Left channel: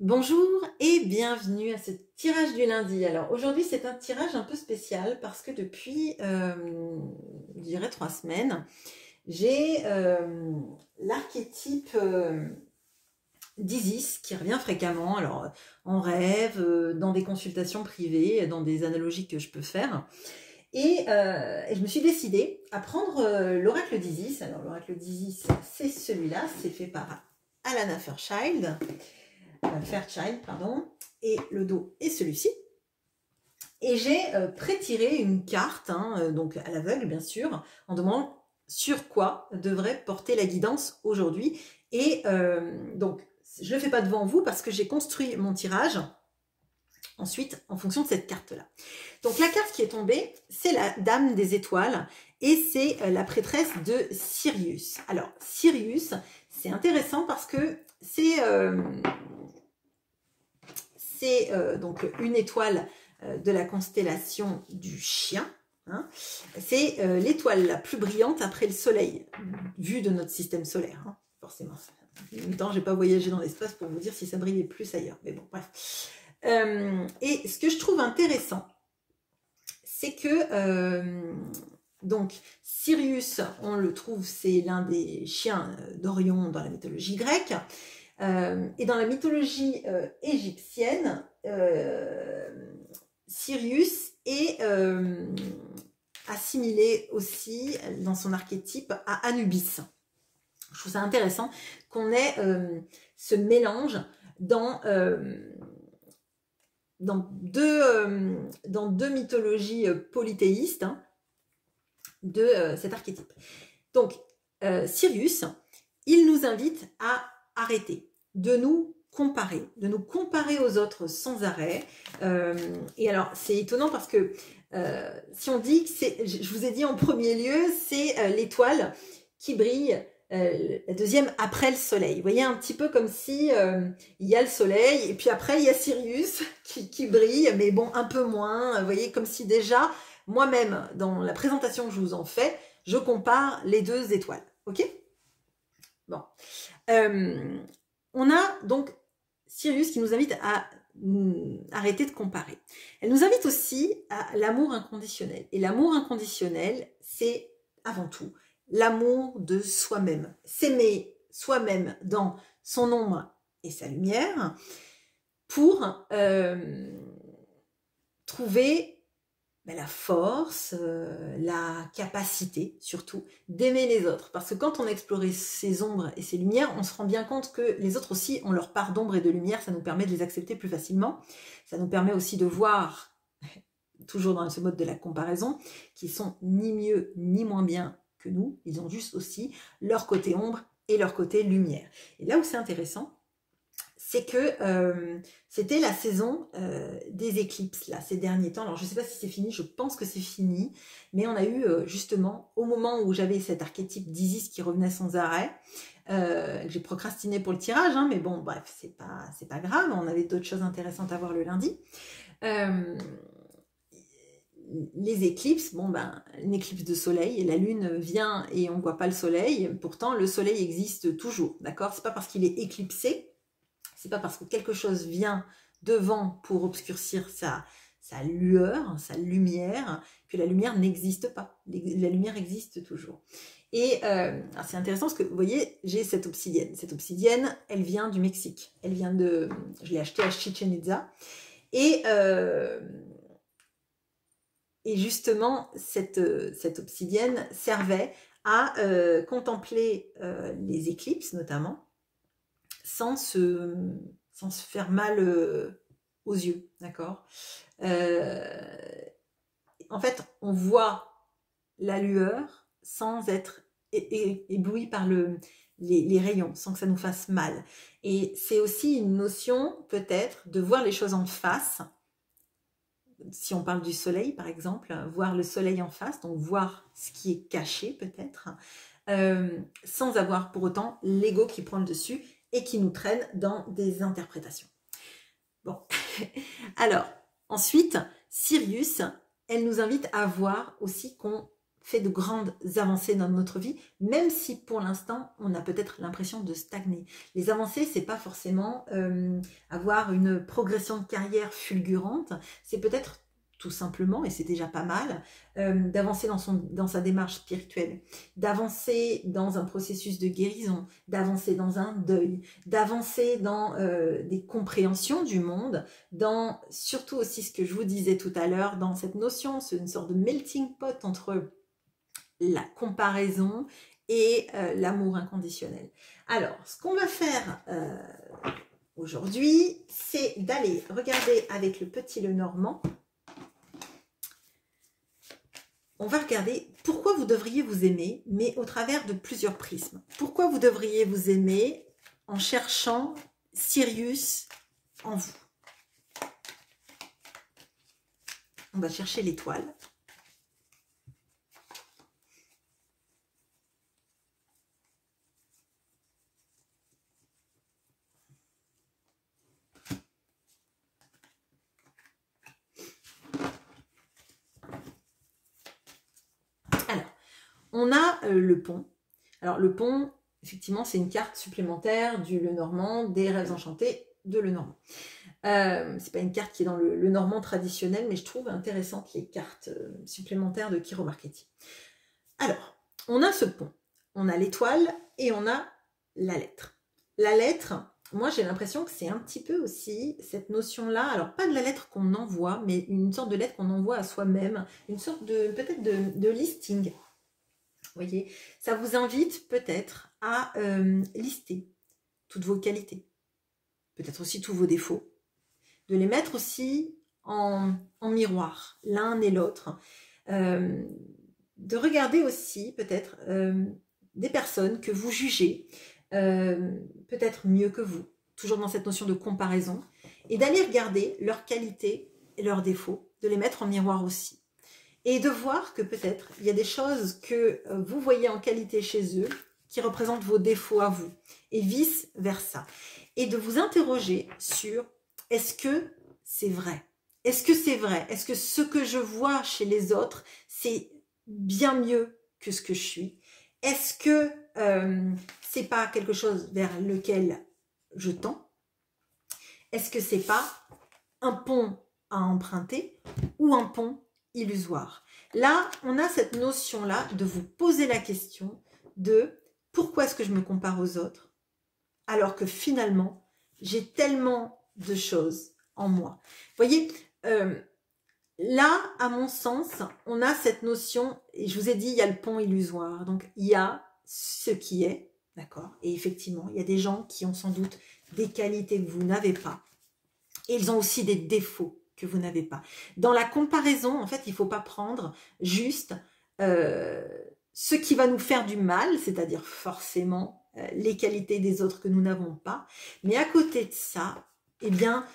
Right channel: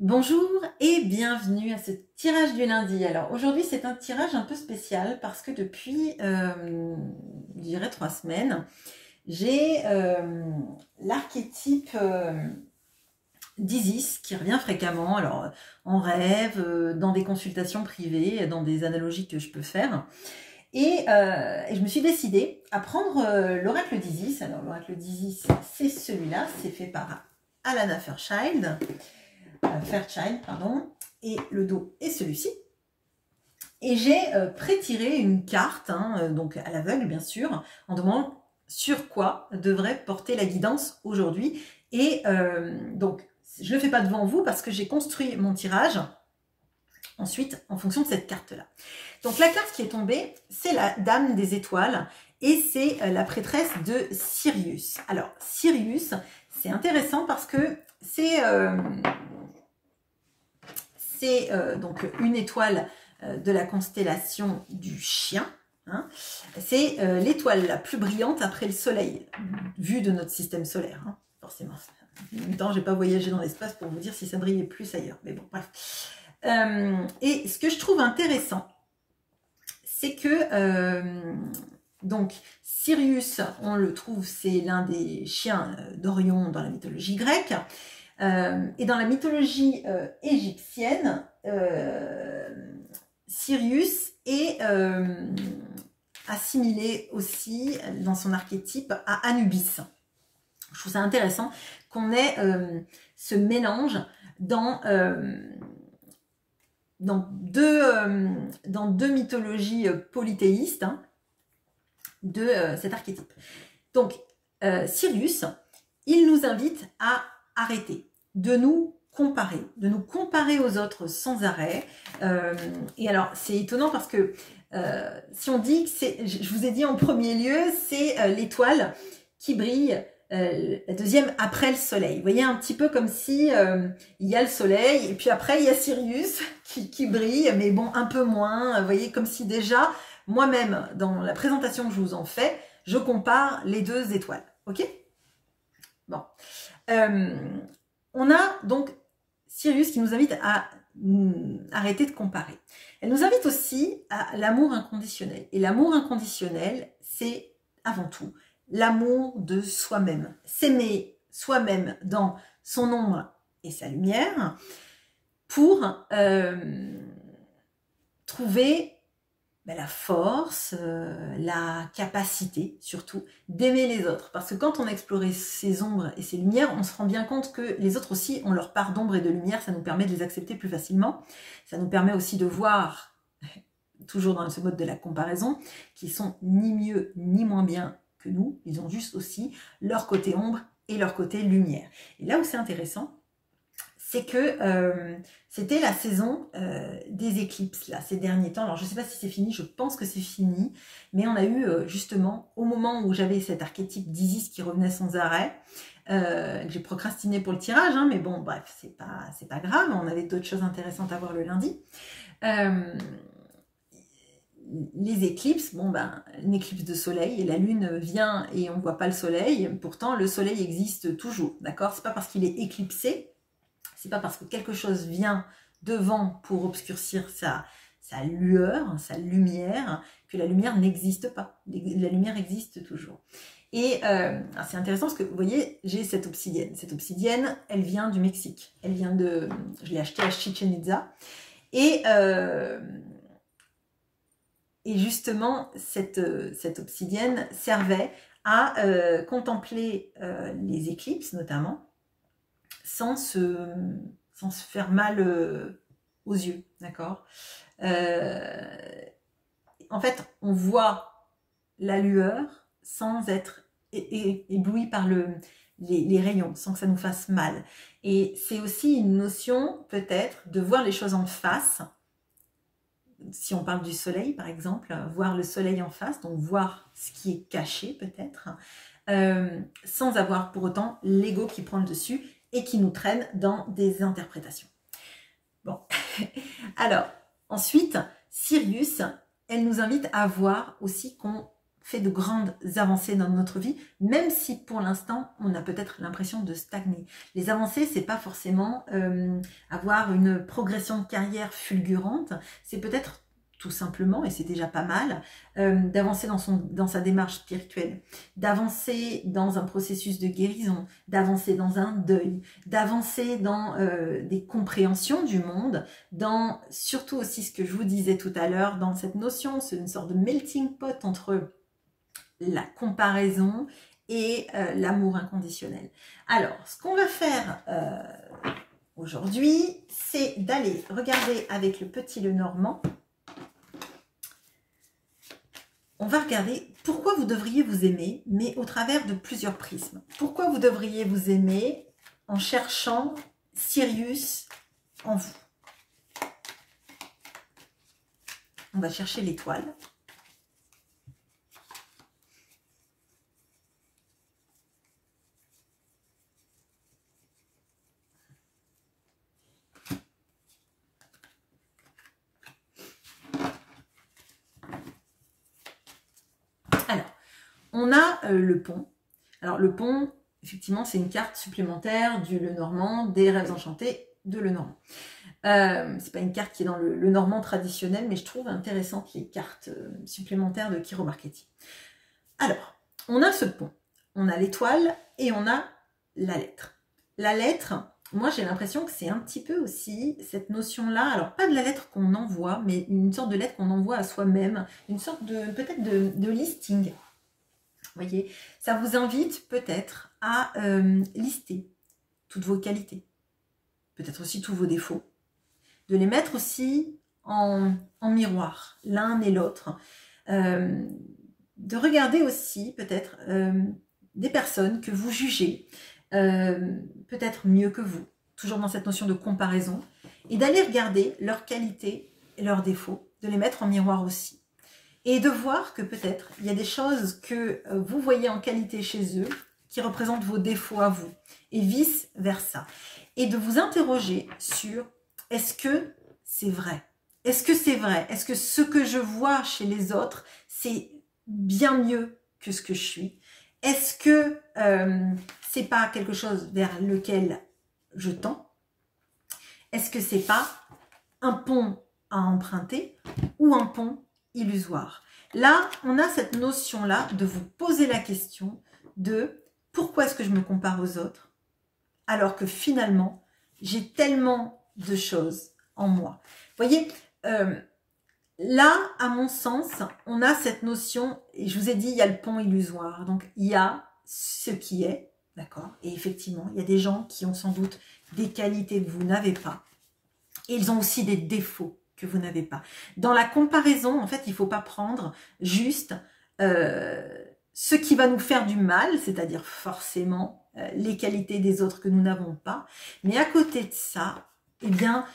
Bonjour et bienvenue à ce tirage du lundi. Alors aujourd'hui c'est un tirage un peu spécial parce que depuis, je dirais 3 semaines, j'ai l'archétype d'Isis qui revient fréquemment, alors en rêve, dans des consultations privées, dans des analogies que je peux faire. Et je me suis décidée à prendre l'oracle d'Isis. Alors l'oracle d'Isis c'est celui-là, c'est fait par Alana Fairchild. Fairchild, pardon, et le dos est celui-ci. Et j'ai pré-tiré une carte, donc à l'aveugle bien sûr, en demandant sur quoi devrait porter la guidance aujourd'hui. Et donc, je ne le fais pas devant vous parce que j'ai construit mon tirage ensuite en fonction de cette carte-là. Donc la carte qui est tombée, c'est la Dame des Étoiles et c'est la prêtresse de Sirius. Alors, Sirius, c'est intéressant parce que c'est donc une étoile de la constellation du Chien. Hein. C'est l'étoile la plus brillante après le Soleil, vue de notre système solaire, hein, forcément. En même temps, je n'ai pas voyagé dans l'espace pour vous dire si ça brillait plus ailleurs. Mais bon, bref. Et ce que je trouve intéressant, c'est que donc Sirius, on le trouve, c'est l'un des chiens d'Orion dans la mythologie grecque. Et dans la mythologie égyptienne, Sirius est assimilé aussi dans son archétype à Anubis. Je trouve ça intéressant qu'on ait ce mélange dans deux mythologies polythéistes de cet archétype. Donc, Sirius, il nous invite à arrêter de nous comparer aux autres sans arrêt. Et alors, c'est étonnant parce que si on dit que c'est, je vous ai dit en premier lieu, c'est l'étoile qui brille la deuxième après le soleil. Vous voyez, un petit peu comme si il y a le soleil et puis après il y a Sirius qui brille, mais bon, un peu moins. Vous voyez, comme si déjà, moi-même, dans la présentation que je vous en fais, je compare les deux étoiles. Ok ? Bon. On a donc Sirius qui nous invite à arrêter de comparer. Elle nous invite aussi à l'amour inconditionnel. Et l'amour inconditionnel, c'est avant tout l'amour de soi-même. S'aimer soi-même dans son ombre et sa lumière pour trouver la force, la capacité surtout d'aimer les autres. Parce que quand on explore ses ombres et ses lumières, on se rend bien compte que les autres aussi ont leur part d'ombre et de lumière, ça nous permet de les accepter plus facilement. Ça nous permet aussi de voir, toujours dans ce mode de la comparaison, qu'ils sont ni mieux ni moins bien que nous, ils ont juste aussi leur côté ombre et leur côté lumière. Et là où c'est intéressant, c'est que c'était la saison des éclipses, là, ces derniers temps. Alors, je ne sais pas si c'est fini, je pense que c'est fini, mais on a eu, justement, au moment où j'avais cet archétype d'Isis qui revenait sans arrêt, j'ai procrastiné pour le tirage, mais bon, bref, c'est pas grave, on avait d'autres choses intéressantes à voir le lundi. Les éclipses, une éclipse de soleil, et la lune vient et on ne voit pas le soleil, pourtant le soleil existe toujours, d'accord? C'est pas parce qu'il est éclipsé, c'est pas parce que quelque chose vient devant pour obscurcir sa lueur, sa lumière, que la lumière n'existe pas. La lumière existe toujours. Et c'est intéressant parce que vous voyez, j'ai cette obsidienne. Cette obsidienne, elle vient du Mexique. Elle vient de... Je l'ai achetée à Chichen Itza. Et justement, cette obsidienne servait à contempler les éclipses, notamment, sans se faire mal aux yeux, d'accord. En fait, on voit la lueur sans être ébloui par les rayons, sans que ça nous fasse mal. Et c'est aussi une notion, peut-être, de voir les choses en face. Si on parle du soleil, par exemple, voir le soleil en face, donc voir ce qui est caché, peut-être, sans avoir pour autant l'ego qui prend le dessus et qui nous traîne dans des interprétations. Bon, alors, ensuite, Sirius, elle nous invite à voir aussi qu'on fait de grandes avancées dans notre vie, même si pour l'instant, on a peut-être l'impression de stagner. Les avancées, c'est pas forcément avoir une progression de carrière fulgurante, c'est peut-être tout simplement, et c'est déjà pas mal, d'avancer dans sa démarche spirituelle, d'avancer dans un processus de guérison, d'avancer dans un deuil, d'avancer dans des compréhensions du monde, dans surtout aussi ce que je vous disais tout à l'heure, dans cette notion, c'est une sorte de melting pot entre la comparaison et l'amour inconditionnel. Alors, ce qu'on va faire aujourd'hui, c'est d'aller regarder avec le petit Lenormand. On va regarder pourquoi vous devriez vous aimer, mais au travers de plusieurs prismes. Pourquoi vous devriez vous aimer en cherchant Sirius en vous. On va chercher l'étoile. Alors, on a le pont. Alors, le pont, effectivement, c'est une carte supplémentaire du Lenormand, des rêves enchantés de Lenormand. C'est pas une carte qui est dans le Lenormand traditionnel, mais je trouve intéressantes les cartes supplémentaires de Kiro Marchetti. Alors, on a ce pont, on a l'étoile et on a la lettre. La lettre, moi j'ai l'impression que c'est un petit peu aussi cette notion-là, alors pas de la lettre qu'on envoie, mais une sorte de lettre qu'on envoie à soi-même, une sorte de peut-être de listing. Vous voyez, ça vous invite peut-être à lister toutes vos qualités, peut-être aussi tous vos défauts, de les mettre aussi en miroir, l'un et l'autre, de regarder aussi peut-être des personnes que vous jugez peut-être mieux que vous, toujours dans cette notion de comparaison, et d'aller regarder leurs qualités et leurs défauts, de les mettre en miroir aussi. Et de voir que peut-être il y a des choses que vous voyez en qualité chez eux qui représentent vos défauts à vous, et vice-versa. Et de vous interroger sur est-ce que c'est vrai? Est-ce que c'est vrai? Est-ce que ce que je vois chez les autres, c'est bien mieux que ce que je suis? Est-ce que c'est pas quelque chose vers lequel je tends? Est-ce que c'est pas un pont à emprunter ou un pont illusoire? Là, on a cette notion-là de vous poser la question de pourquoi est-ce que je me compare aux autres alors que finalement, j'ai tellement de choses en moi. Vous voyez, là, à mon sens, on a cette notion, et je vous ai dit, il y a le pont illusoire. Donc, il y a ce qui est, d'accord? Et effectivement, il y a des gens qui ont sans doute des qualités que vous n'avez pas. Et ils ont aussi des défauts que vous n'avez pas. Dans la comparaison, en fait, il ne faut pas prendre juste ce qui va nous faire du mal, c'est-à-dire forcément les qualités des autres que nous n'avons pas. Mais à côté de ça, eh bien,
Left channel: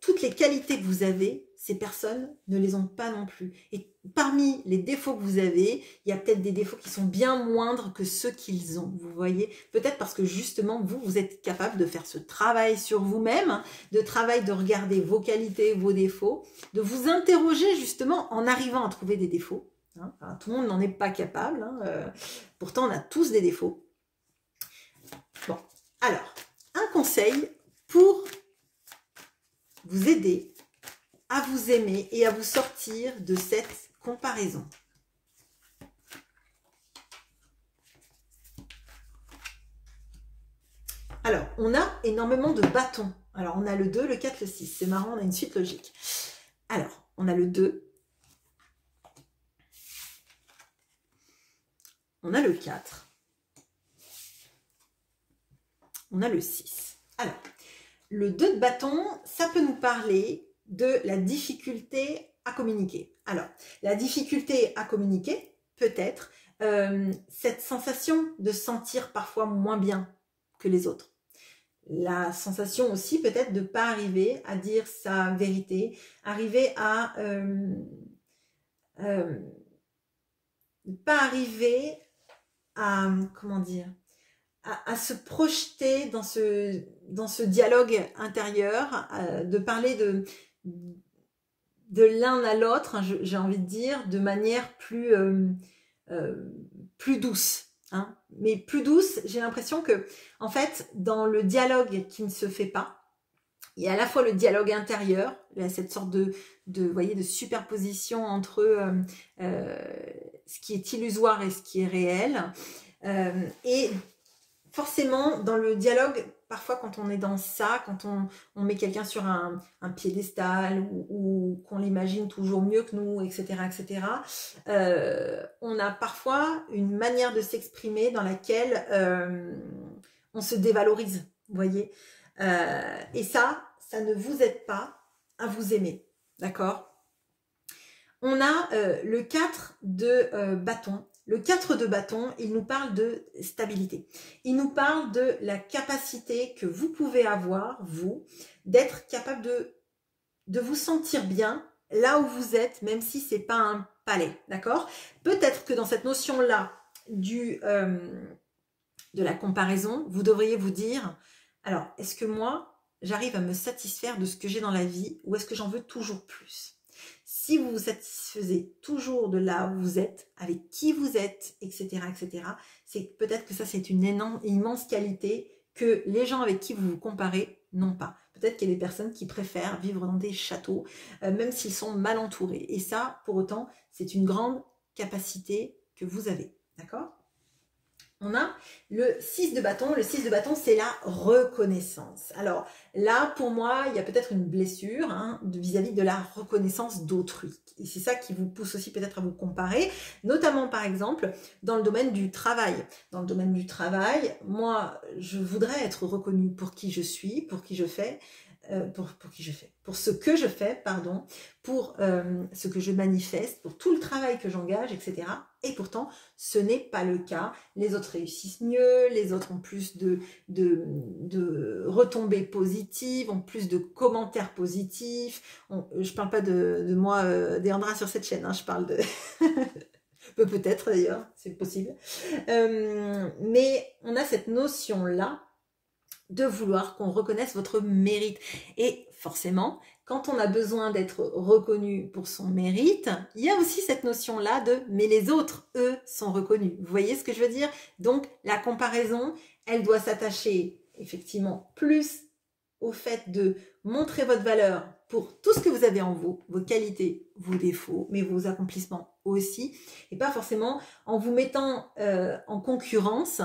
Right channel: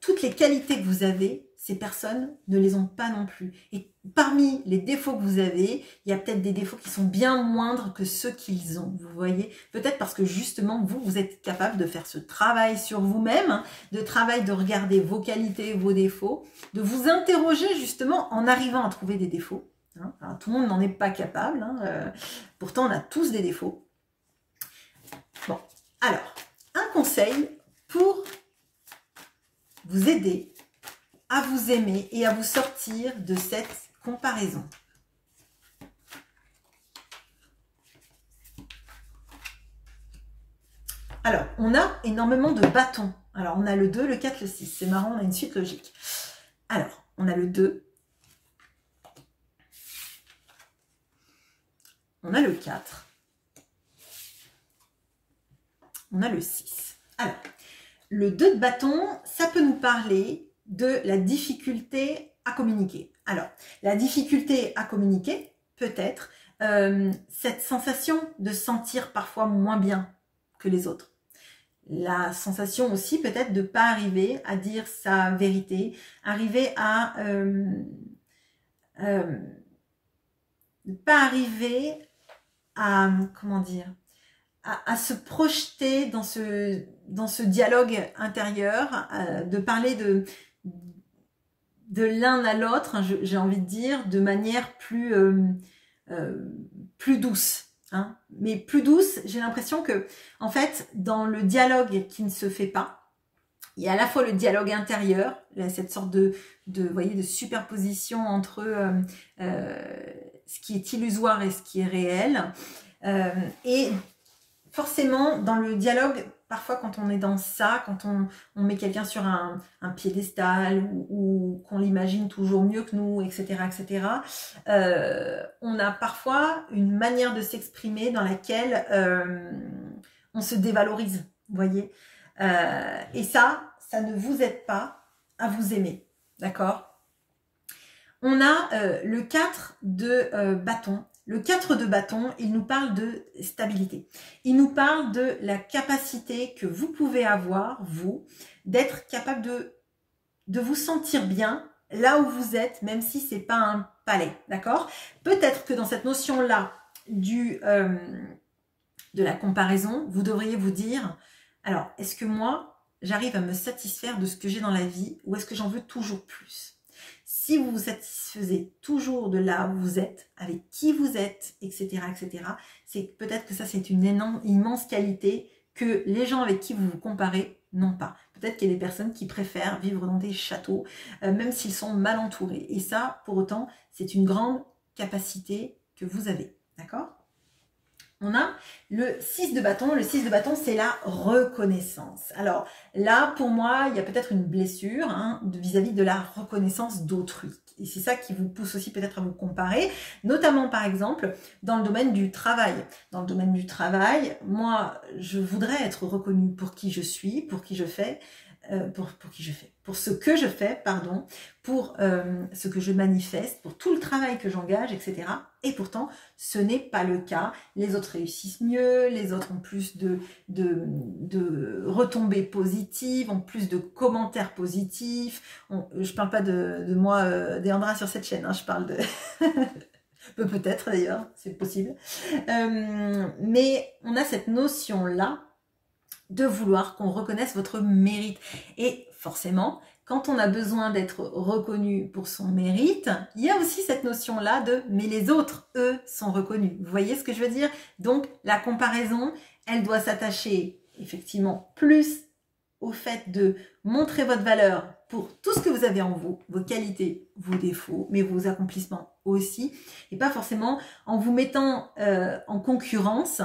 toutes les qualités que vous avez, ces personnes ne les ont pas non plus. Et parmi les défauts que vous avez, il y a peut-être des défauts qui sont bien moindres que ceux qu'ils ont. Vous voyez, peut-être parce que justement, vous êtes capable de faire ce travail sur vous-même, hein, de regarder vos qualités, vos défauts, de vous interroger justement en arrivant à trouver des défauts. Hein. Alors, tout le monde n'en est pas capable. Hein, pourtant, on a tous des défauts. Bon, alors, un conseil pour vous aider à vous aimer et à vous sortir de cette comparaison. Alors, on a énormément de bâtons. Alors, on a le 2, le 4, le 6. C'est marrant, on a une suite logique. Alors, on a le 2. On a le 4. On a le 6. Alors, le 2 de bâton, ça peut nous parler de la difficulté à communiquer. Alors, la difficulté à communiquer, peut-être cette sensation de sentir parfois moins bien que les autres. La sensation aussi peut-être de ne pas arriver à dire sa vérité, arriver à ne pas arriver à, comment dire, à se projeter dans ce dialogue intérieur, de parler de l'un à l'autre, j'ai envie de dire, de manière plus plus douce. Hein. Mais plus douce, j'ai l'impression que, en fait, dans le dialogue qui ne se fait pas, il y a à la fois le dialogue intérieur, cette sorte vous voyez, de superposition entre ce qui est illusoire et ce qui est réel. Et forcément, dans le dialogue, parfois quand on est dans ça, quand on met quelqu'un sur un piédestal ou qu'on l'imagine toujours mieux que nous, etc., etc., on a parfois une manière de s'exprimer dans laquelle on se dévalorise, vous voyez. Et ça ne vous aide pas à vous aimer, d'accord? On a le 4 de bâton. Le 4 de bâton, il nous parle de stabilité. Il nous parle de la capacité que vous pouvez avoir, vous, d'être capable de vous sentir bien là où vous êtes, même si c'est pas un palais, d'accord? Peut-être que dans cette notion-là de la comparaison, vous devriez vous dire, alors, est-ce que moi, j'arrive à me satisfaire de ce que j'ai dans la vie ou est-ce que j'en veux toujours plus? Si vous vous satisfaisez toujours de là où vous êtes, avec qui vous êtes, etc., etc., c'est peut-être que ça, c'est une immense qualité que les gens avec qui vous vous comparez n'ont pas. Peut-être qu'il y a des personnes qui préfèrent vivre dans des châteaux, même s'ils sont mal entourés. Et ça, pour autant, c'est une grande capacité que vous avez. D'accord ? On a le 6 de bâton. Le 6 de bâton, c'est la reconnaissance. Alors là, pour moi, il y a peut-être une blessure vis-à-vis de la reconnaissance d'autrui. Et c'est ça qui vous pousse aussi peut-être à vous comparer, notamment par exemple dans le domaine du travail. Dans le domaine du travail, moi, je voudrais être reconnue pour qui je suis, pour qui je fais, pour ce que je fais, pardon, pour ce que je manifeste, pour tout le travail que j'engage, etc. Et pourtant, ce n'est pas le cas. Les autres réussissent mieux, les autres ont plus de retombées positives, ont plus de commentaires positifs. Je ne parle pas de moi, Deandra, sur cette chaîne, je parle de... Peut-être d'ailleurs, c'est possible. Mais on a cette notion-là de vouloir qu'on reconnaisse votre mérite. Et forcément, quand on a besoin d'être reconnu pour son mérite, il y a aussi cette notion-là de « mais les autres, eux, sont reconnus ». Vous voyez ce que je veux dire? Donc, la comparaison, elle doit s'attacher effectivement plus au fait de montrer votre valeur pour tout ce que vous avez en vous, vos qualités, vos défauts, mais vos accomplissements aussi, et pas forcément en vous mettant en concurrence,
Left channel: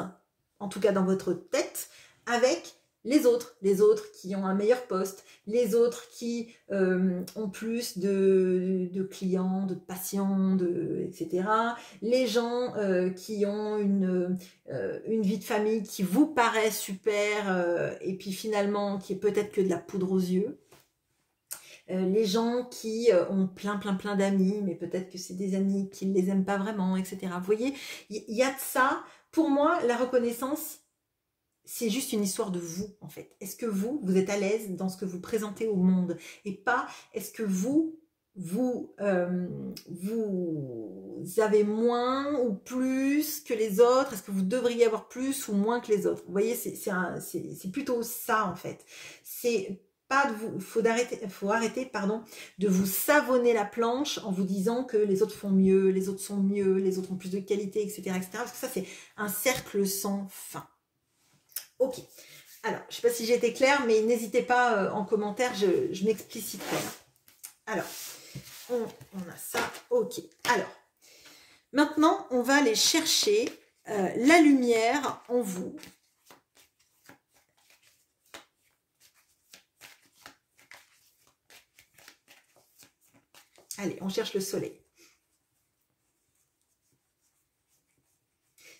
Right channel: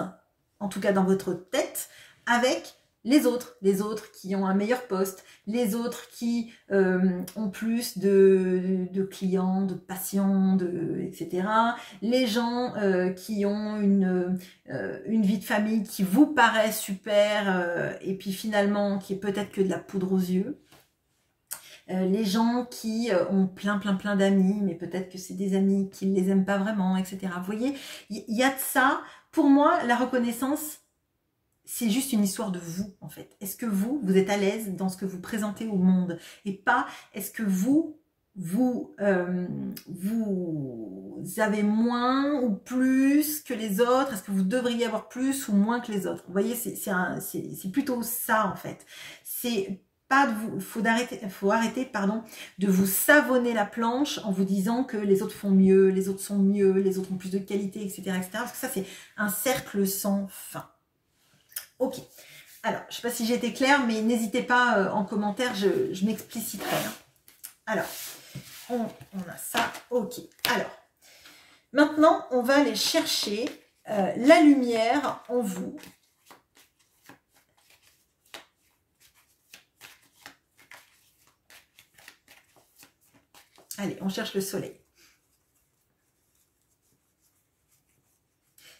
en tout cas dans votre tête, avec les autres qui ont un meilleur poste, les autres qui ont plus de clients, de patients, etc. Les gens qui ont une vie de famille qui vous paraît super et puis finalement qui est peut-être que de la poudre aux yeux. Les gens qui ont plein d'amis, mais peut-être que c'est des amis qui ne les aiment pas vraiment, etc. Vous voyez, il y a de ça. Pour moi, la reconnaissance, c'est juste une histoire de vous, en fait. Est-ce que vous êtes à l'aise dans ce que vous présentez au monde? Et pas, est-ce que vous avez moins ou plus que les autres? Est-ce que vous devriez avoir plus ou moins que les autres? Vous voyez, c'est plutôt ça, en fait. C'est pas de vous, faut arrêter, pardon, de vous savonner la planche en vous disant que les autres font mieux, les autres sont mieux, les autres ont plus de qualité, etc., etc. Parce que ça, c'est un cercle sans fin. Ok, alors, je ne sais pas si j'ai été claire, mais n'hésitez pas en commentaire, je m'expliciterai. Alors, on a ça, ok. Alors, maintenant, on va aller chercher la lumière en vous. Allez, on cherche le soleil.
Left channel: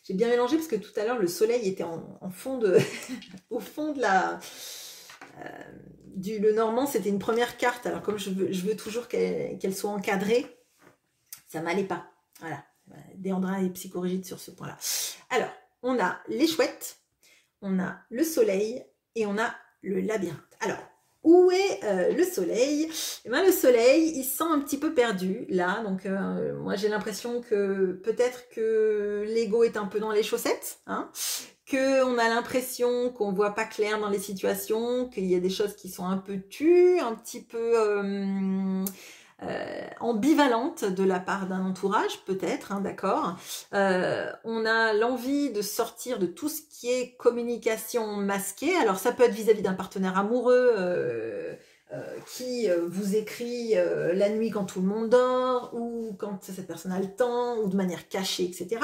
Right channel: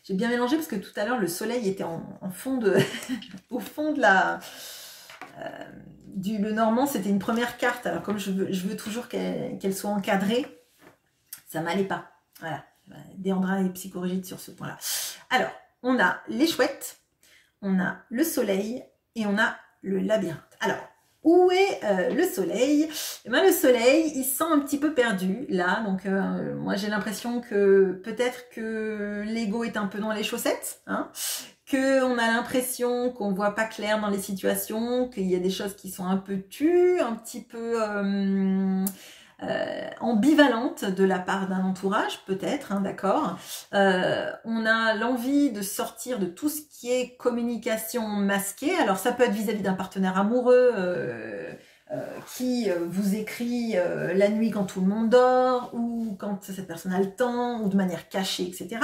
J'ai bien mélangé parce que tout à l'heure, le soleil était en fond de... au fond de la... le normand, c'était une première carte. Alors, comme je veux toujours qu'elle soit encadrée, ça m'allait pas. Voilà. Deandra est psychorigide sur ce point-là. Alors, on a les chouettes, on a le soleil et on a le labyrinthe. Alors, où est le soleil? Eh bien, le soleil, il se sent un petit peu perdu, là. Donc, moi, j'ai l'impression que peut-être que l'ego est un peu dans les chaussettes, hein, qu'on a l'impression qu'on voit pas clair dans les situations, qu'il y a des choses qui sont un peu tues, un petit peu ambivalente de la part d'un entourage, peut-être, hein, d'accord. On a l'envie de sortir de tout ce qui est communication masquée. Alors ça peut être vis-à-vis d'un partenaire amoureux qui vous écrit la nuit quand tout le monde dort, ou quand cette personne a le temps, ou de manière cachée, etc.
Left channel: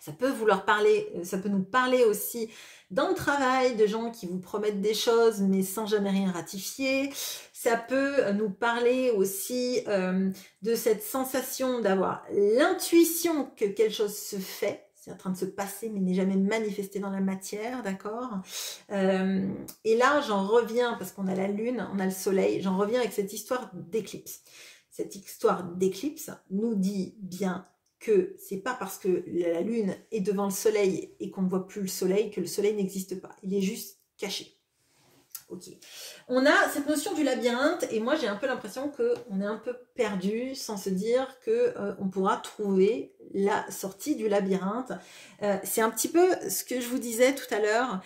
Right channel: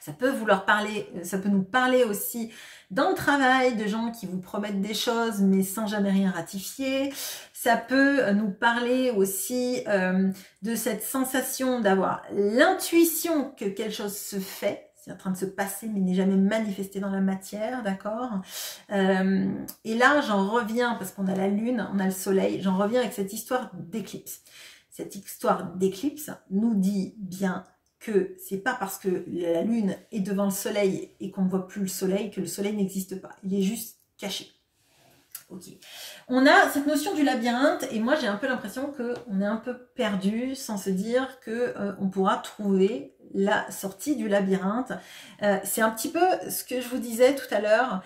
Ça peut vouloir parler, ça peut nous parler aussi dans le travail de gens qui vous promettent des choses mais sans jamais rien ratifier. Ça peut nous parler aussi de cette sensation d'avoir l'intuition que quelque chose se fait. C'est en train de se passer mais n'est jamais manifesté dans la matière, d'accord. Et là, j'en reviens, parce qu'on a la lune, on a le soleil, j'en reviens avec cette histoire d'éclipse. Cette histoire d'éclipse nous dit bien que c'est pas parce que la lune est devant le soleil et qu'on ne voit plus le soleil que le soleil n'existe pas. Il est juste caché. Ok. On a cette notion du labyrinthe et moi j'ai un peu l'impression qu'on est un peu perdu sans se dire qu'on pourra trouver la sortie du labyrinthe. C'est un petit peu ce que je vous disais tout à l'heure.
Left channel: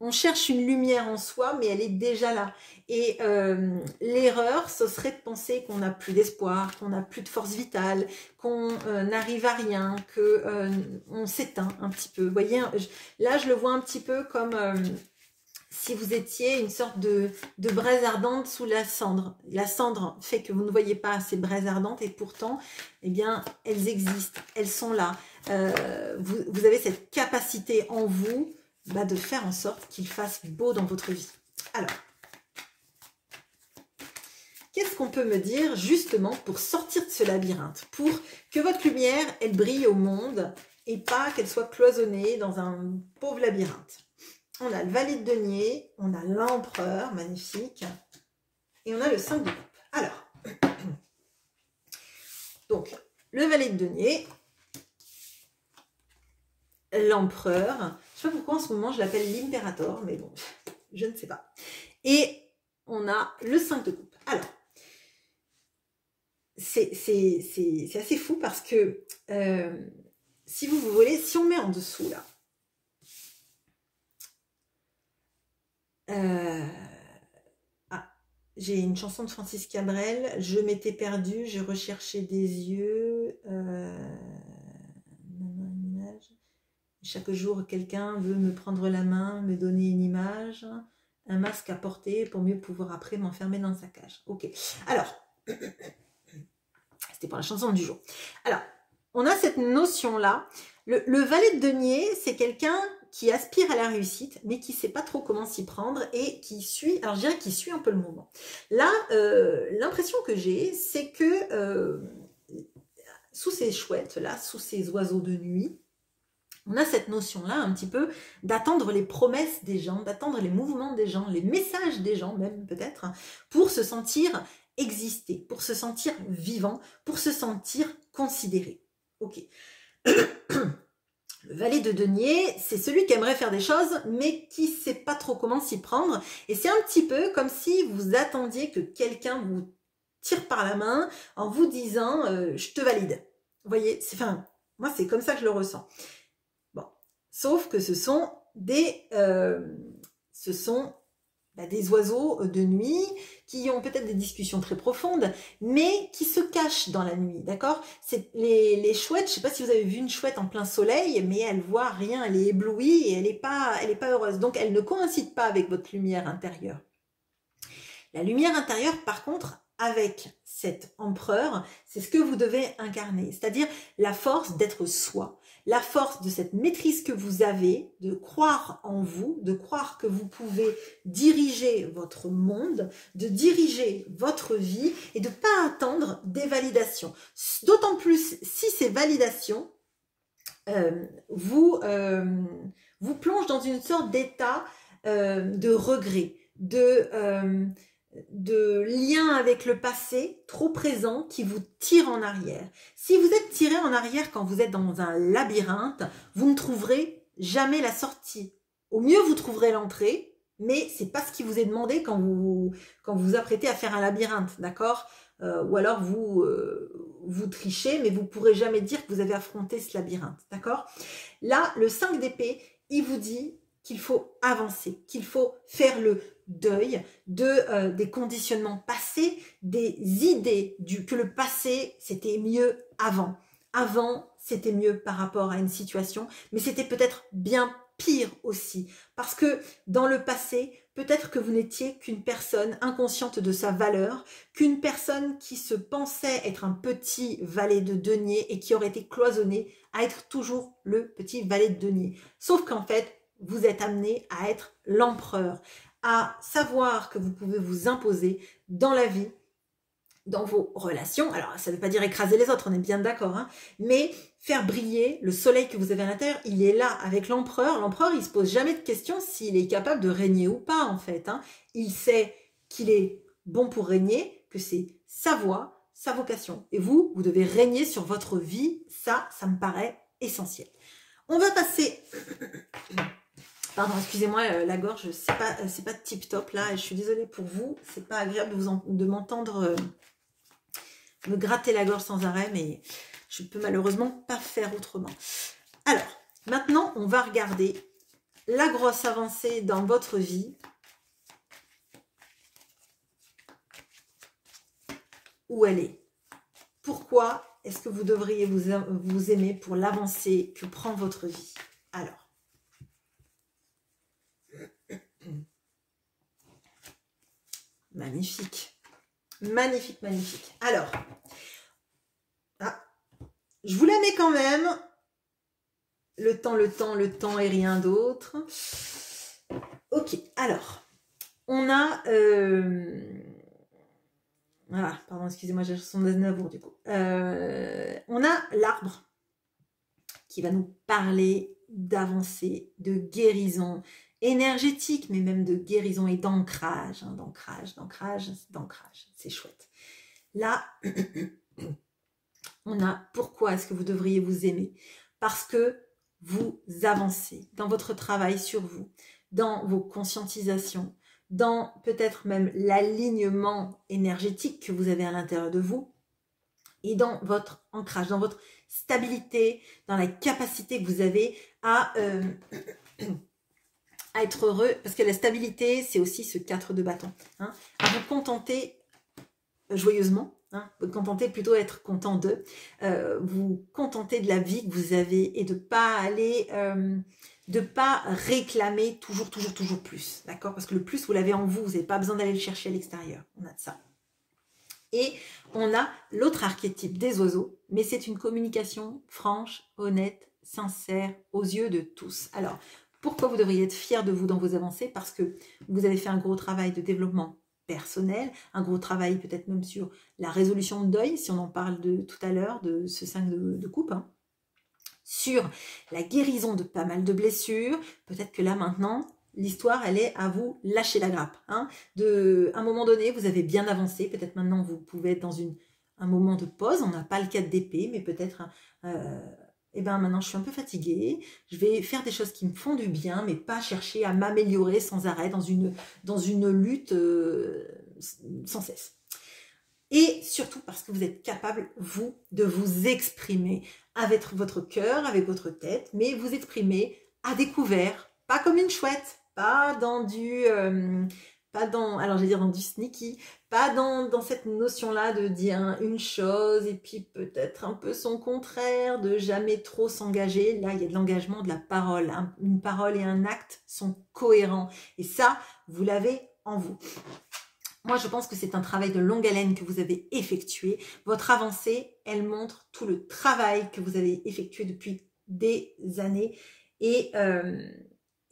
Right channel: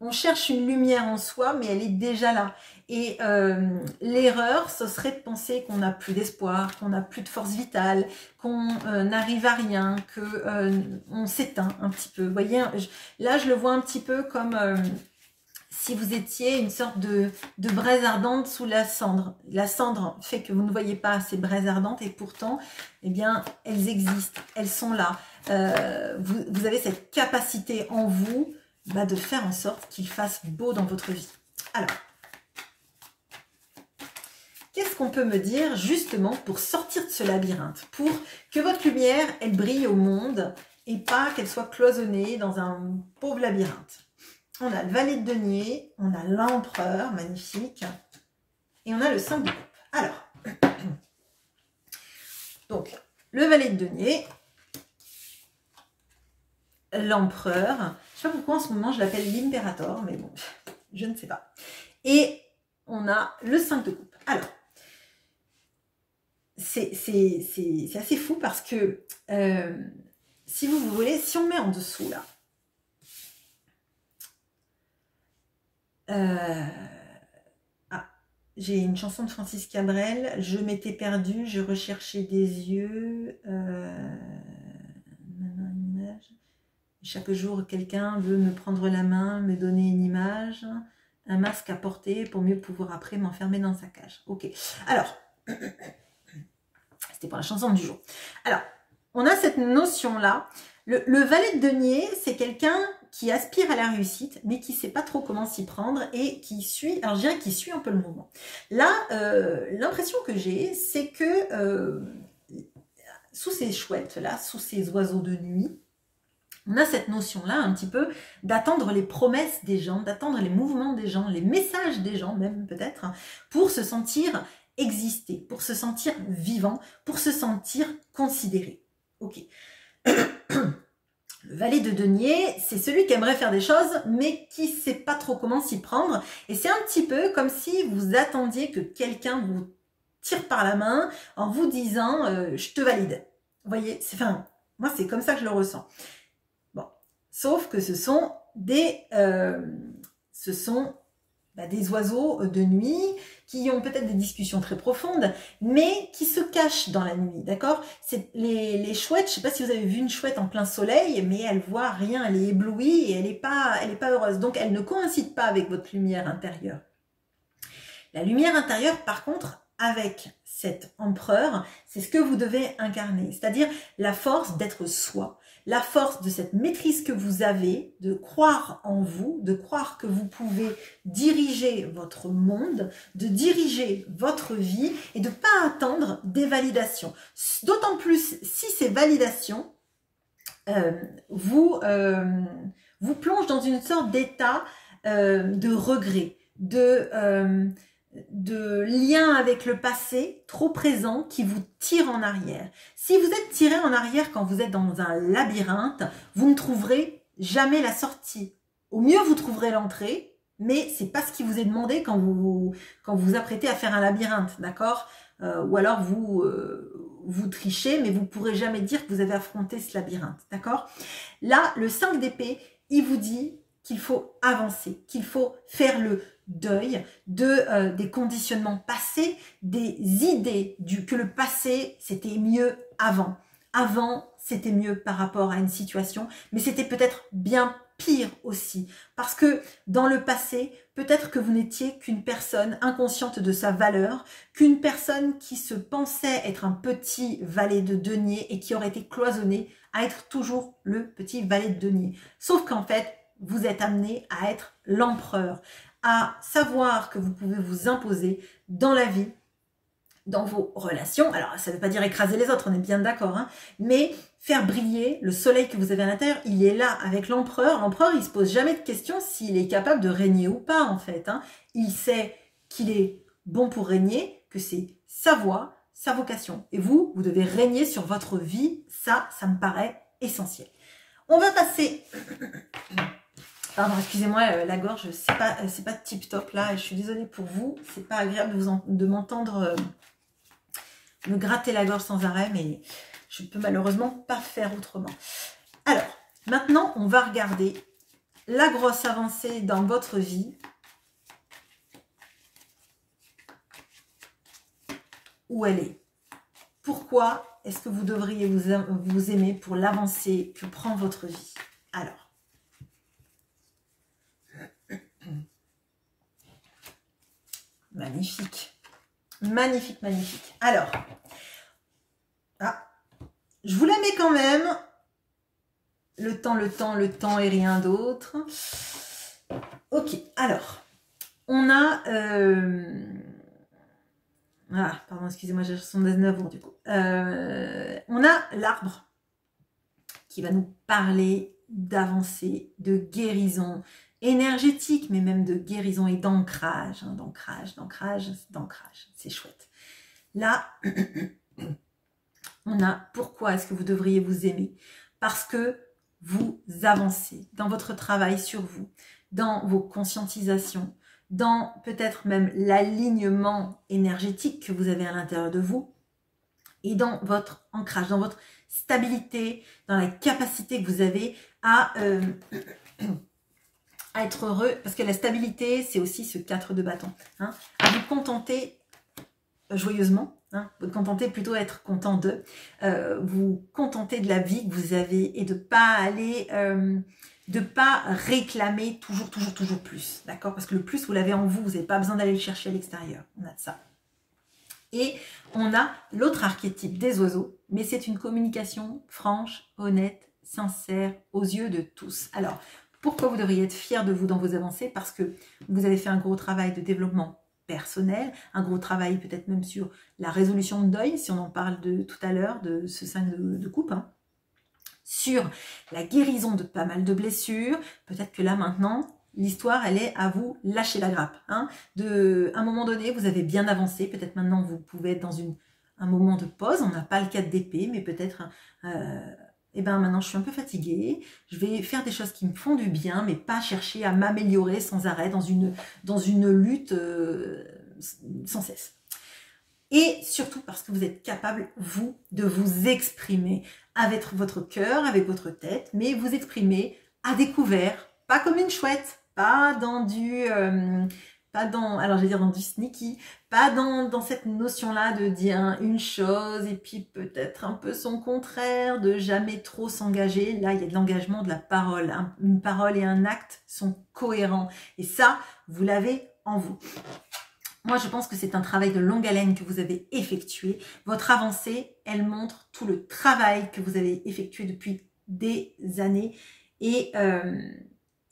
On cherche une lumière en soi mais elle est déjà là. Et l'erreur, ce serait de penser qu'on n'a plus d'espoir, qu'on n'a plus de force vitale, qu'on n'arrive à rien, qu'on s'éteint un petit peu. Vous voyez, là je le vois un petit peu comme si vous étiez une sorte de braise ardente sous la cendre. La cendre fait que vous ne voyez pas ces braises ardentes et pourtant, eh bien, elles existent, elles sont là. Vous avez cette capacité en vous de faire en sorte qu'il fasse beau dans votre vie. Alors, qu'est-ce qu'on peut me dire justement pour sortir de ce labyrinthe, pour que votre lumière, elle brille au monde et pas qu'elle soit cloisonnée dans un pauvre labyrinthe? On a le valet de denier, on a l'empereur, magnifique, et on a le 5 de coupe. Alors, donc, le valet de denier, l'empereur, je ne sais pas pourquoi en ce moment je l'appelle l'impérator, mais bon, je ne sais pas. Et on a le 5 de coupe. Alors, c'est assez fou parce que, si vous voulez, si on met en dessous là, j'ai une chanson de Francis Cabrel, je m'étais perdue, je recherchais des yeux, chaque jour quelqu'un veut me prendre la main, me donner une image, un masque à porter pour mieux pouvoir après m'enfermer dans sa cage. Ok, alors, c'était pour la chanson du jour. Alors, on a cette notion-là, le valet de denier, c'est quelqu'un qui aspire à la réussite, mais qui ne sait pas trop comment s'y prendre et qui suit, alors je dirais qu'il suit un peu le mouvement. Là, l'impression que j'ai, c'est que sous ces chouettes-là, sous ces oiseaux de nuit, on a cette notion-là un petit peu d'attendre les promesses des gens, d'attendre les mouvements des gens, les messages des gens même peut-être, pour se sentir exister, pour se sentir vivant, pour se sentir considéré. Ok. Le valet de denier, c'est celui qui aimerait faire des choses, mais qui ne sait pas trop comment s'y prendre. Et c'est un petit peu comme si vous attendiez que quelqu'un vous tire par la main en vous disant « je te valide ». Vous voyez, moi c'est comme ça que je le ressens. Bon, sauf que ce sont des oiseaux de nuit qui ont peut-être des discussions très profondes, mais qui se cachent dans la nuit, d'accord? C'est les chouettes, je ne sais pas si vous avez vu une chouette en plein soleil, mais elle voit rien, elle est éblouie et elle n'est pas heureuse. Donc, elle ne coïncide pas avec votre lumière intérieure. La lumière intérieure, par contre, avec cet empereur, c'est ce que vous devez incarner, c'est-à-dire la force d'être soi, la force de cette maîtrise que vous avez, de croire en vous, de croire que vous pouvez diriger votre monde, de diriger votre vie et de ne pas attendre des validations. D'autant plus si ces validations vous plongent dans une sorte d'état de regret, de lien avec le passé trop présent qui vous tire en arrière. Si vous êtes tiré en arrière quand vous êtes dans un labyrinthe, vous ne trouverez jamais la sortie. Au mieux, vous trouverez l'entrée, mais c'est pas ce qui vous est demandé quand vous vous apprêtez à faire un labyrinthe, d'accord? Ou alors vous trichez, mais vous ne pourrez jamais dire que vous avez affronté ce labyrinthe, d'accord? Là, le 5 d'épée, il vous dit qu'il faut avancer, qu'il faut faire le deuil des conditionnements passés, des idées que le passé, c'était mieux avant. Avant, c'était mieux par rapport à une situation, mais c'était peut-être bien pire aussi. Parce que dans le passé, peut-être que vous n'étiez qu'une personne inconsciente de sa valeur, qu'une personne qui se pensait être un petit valet de denier et qui aurait été cloisonné à être toujours le petit valet de denier. Sauf qu'en fait, vous êtes amené à être l'empereur, à savoir que vous pouvez vous imposer dans la vie, dans vos relations. Alors, ça ne veut pas dire écraser les autres, on est bien d'accord, hein, mais faire briller le soleil que vous avez à l'intérieur, il est là avec l'empereur. L'empereur, il ne se pose jamais de question s'il est capable de régner ou pas, en fait. Hein. Il sait qu'il est bon pour régner, que c'est sa voie, sa vocation. Et vous, vous devez régner sur votre vie. Ça me paraît essentiel. On va passer... Pardon, excusez-moi, la gorge, c'est pas tip top là, et je suis désolée pour vous, c'est pas agréable de m'entendre me gratter la gorge sans arrêt, mais je peux malheureusement pas faire autrement. Alors, maintenant, on va regarder la grosse avancée dans votre vie. Où elle est. Pourquoi est-ce que vous devriez vous aimer pour l'avancée que prend votre vie? Alors. Magnifique. Magnifique, magnifique. Alors, je vous la mets quand même. Le temps et rien d'autre. Ok, alors, on a... pardon, excusez-moi, j'ai 79 ans du coup. On a l'arbre qui va nous parler d'avancée, de guérison énergétique, mais même de guérison et d'ancrage. Hein, d'ancrage. C'est chouette. Là, on a pourquoi est-ce que vous devriez vous aimer? Parce que vous avancez dans votre travail sur vous, dans vos conscientisations, dans peut-être même l'alignement énergétique que vous avez à l'intérieur de vous et dans votre ancrage, dans votre stabilité, dans la capacité que vous avez à être heureux, parce que la stabilité, c'est aussi ce 4 de bâton, hein, à vous contenter joyeusement, hein, vous contenter plutôt être content de, vous contenter de la vie que vous avez et de pas aller... de pas réclamer toujours plus, d'accord? Parce que le plus, vous l'avez en vous, vous n'avez pas besoin d'aller le chercher à l'extérieur. On a de ça. Et on a l'autre archétype des oiseaux, mais c'est une communication franche, honnête, sincère, aux yeux de tous. Alors, pourquoi vous devriez être fier de vous dans vos avancées? Parce que vous avez fait un gros travail de développement personnel, un gros travail peut-être même sur la résolution de deuil, si on en parle de tout à l'heure, de ce 5 de coupe, hein. Sur la guérison de pas mal de blessures. Peut-être que là maintenant, l'histoire elle est à vous lâcher la grappe. Hein. À un moment donné, vous avez bien avancé. Peut-être maintenant vous pouvez être dans un moment de pause. On n'a pas le 4 d'épée, mais peut-être maintenant je suis un peu fatiguée. Je vais faire des choses qui me font du bien, mais pas chercher à m'améliorer sans arrêt dans une lutte sans cesse. Et surtout parce que vous êtes capable, vous, de vous exprimer avec votre cœur, avec votre tête, mais vous exprimer à découvert, pas comme une chouette, pas dans du sneaky, pas dans cette notion-là de dire une chose et puis peut-être un peu son contraire, de jamais trop s'engager. Là, il y a de l'engagement, de la parole. Une parole et un acte sont cohérents. Et ça, vous l'avez en vous. Moi, je pense que c'est un travail de longue haleine que vous avez effectué. Votre avancée, elle montre tout le travail que vous avez effectué depuis des années. Et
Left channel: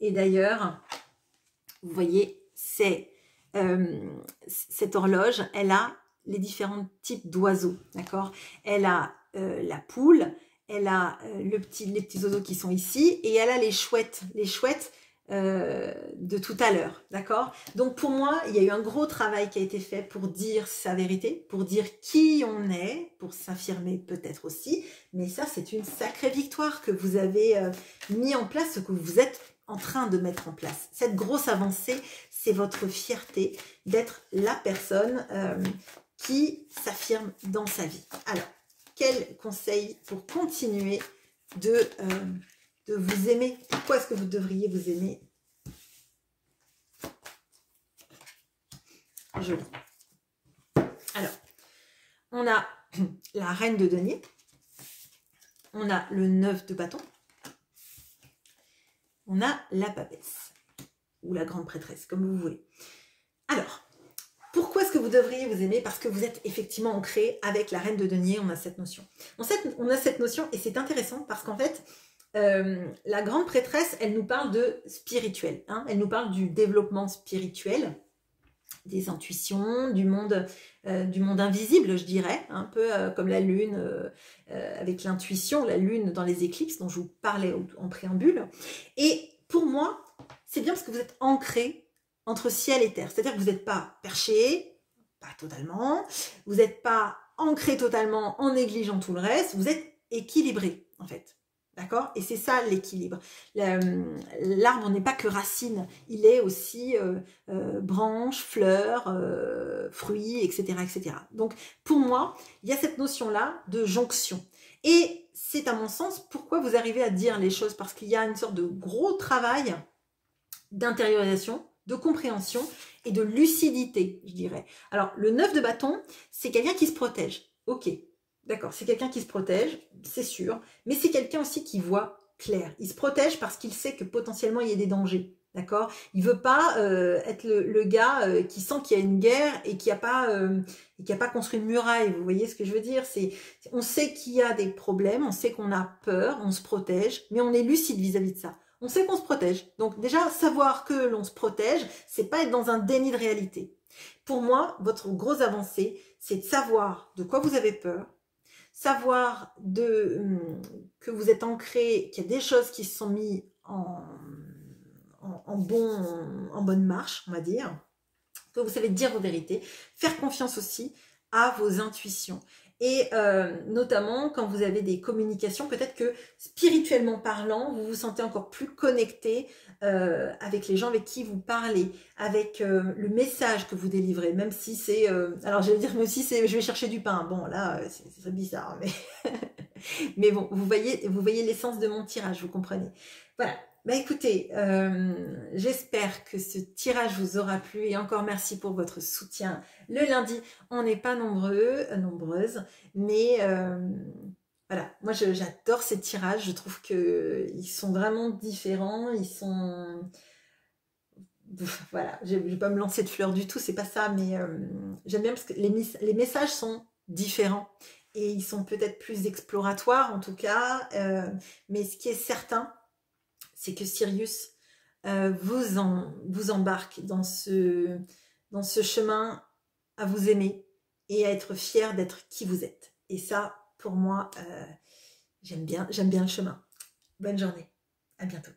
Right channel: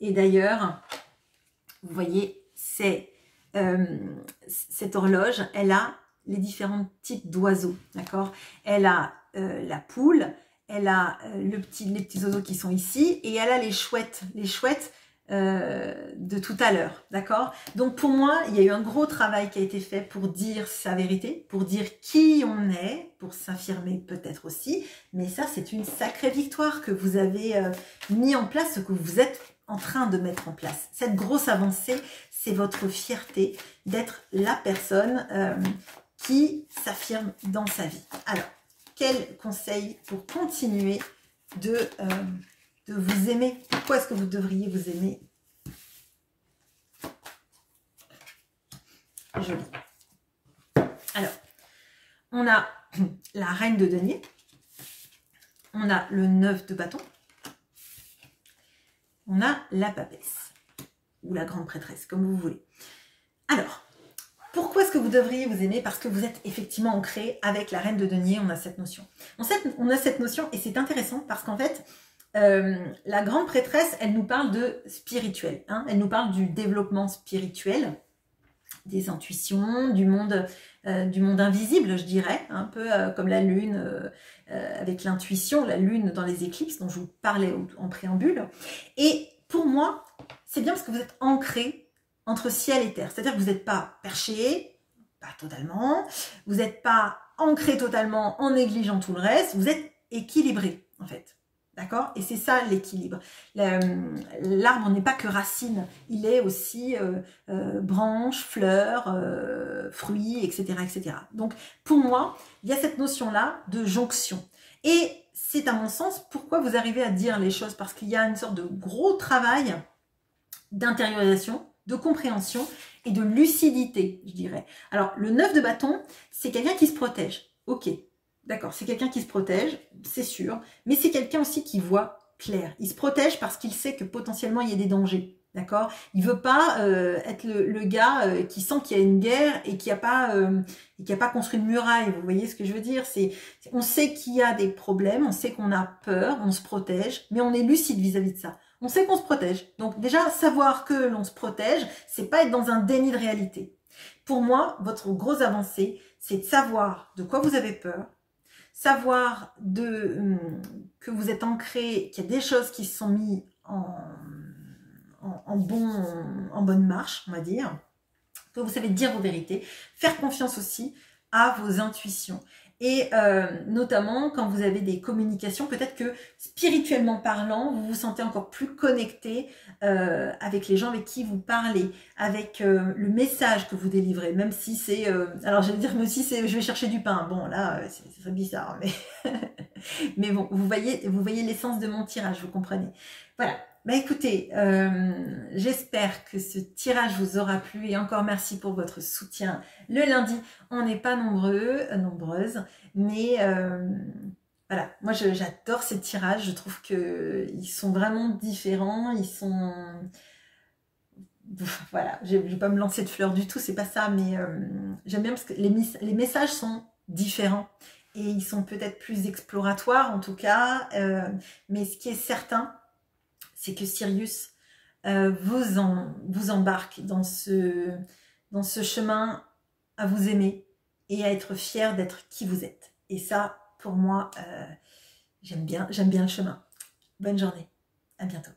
d'ailleurs, vous voyez, cette horloge, elle a les différents types d'oiseaux, d'accord? Elle a la poule, elle a les petits oiseaux qui sont ici, et elle a les chouettes de tout à l'heure, d'accord? Donc pour moi, il y a eu un gros travail qui a été fait pour dire sa vérité, pour dire qui on est, pour s'affirmer peut-être aussi, mais ça c'est une sacrée victoire que vous avez mis en place, ce que vous êtes en train de mettre en place. Cette grosse avancée, c'est votre fierté d'être la personne qui s'affirme dans sa vie. Alors, quel conseil pour continuer de vous aimer? Pourquoi est-ce que vous devriez vous aimer joli. Alors, on a la reine de denier. On a le 9 de bâton. On a la papesse. Ou la grande prêtresse, comme vous voulez. Alors, pourquoi est-ce que vous devriez vous aimer? Parce que vous êtes effectivement ancré avec la reine de denier, on a cette notion. On a cette notion et c'est intéressant parce qu'en fait, la grande prêtresse, elle nous parle de spirituel. Hein, elle nous parle du développement spirituel, des intuitions, du monde invisible, je dirais, un peu comme la lune, avec l'intuition, la lune dans les éclipses dont je vous parlais en préambule. Et pour moi, c'est bien parce que vous êtes ancré entre ciel et terre. C'est-à-dire que vous n'êtes pas perché, pas totalement, vous n'êtes pas ancré totalement en négligeant tout le reste, vous êtes équilibré en fait. D'accord? Et c'est ça l'équilibre. L'arbre n'est pas que racine, il est aussi branches, fleurs, fruits, etc., etc. Donc pour moi, il y a cette notion-là de jonction. Et c'est à mon sens pourquoi vous arrivez à dire les choses, parce qu'il y a une sorte de gros travail d'intériorisation, de compréhension et de lucidité, je dirais. Alors, le 9 de bâton, c'est quelqu'un qui se protège. Ok, d'accord, c'est quelqu'un qui se protège, c'est sûr, mais c'est quelqu'un aussi qui voit clair. Il se protège parce qu'il sait que potentiellement il y a des dangers, d'accord? Il veut pas être le gars qui sent qu'il y a une guerre et qui a pas construit une muraille, vous voyez ce que je veux dire? On sait qu'il y a des problèmes, on sait qu'on a peur, on se protège, mais on est lucide vis-à-vis de ça. On sait qu'on se protège. Donc déjà, savoir que l'on se protège, c'est pas être dans un déni de réalité. Pour moi, votre grosse avancée, c'est de savoir de quoi vous avez peur, savoir que vous êtes ancré, qu'il y a des choses qui se sont mises en bonne marche, on va dire, que vous savez dire vos vérités, faire confiance aussi à vos intuitions. Et notamment quand vous avez des communications, peut-être que spirituellement parlant, vous vous sentez encore plus connecté avec les gens avec qui vous parlez, avec le message que vous délivrez, même si c'est... alors j'allais dire, même si c'est je vais chercher du pain. Bon, là, c'est bizarre, mais... mais bon, vous voyez l'essence de mon tirage, vous comprenez. Voilà. Bah écoutez, j'espère que ce tirage vous aura plu et encore merci pour votre soutien. Le lundi, on n'est pas nombreuses, mais voilà, moi j'adore ces tirages, je trouve qu'ils sont vraiment différents, ils sont... Voilà, je ne vais pas me lancer de fleurs du tout, c'est pas ça, mais j'aime bien parce que les messages sont différents et ils sont peut-être plus exploratoires en tout cas, mais ce qui est certain, c'est que Sirius vous embarque dans ce chemin à vous aimer et à être fier d'être qui vous êtes. Et ça, pour moi, j'aime bien le chemin. Bonne journée, à bientôt.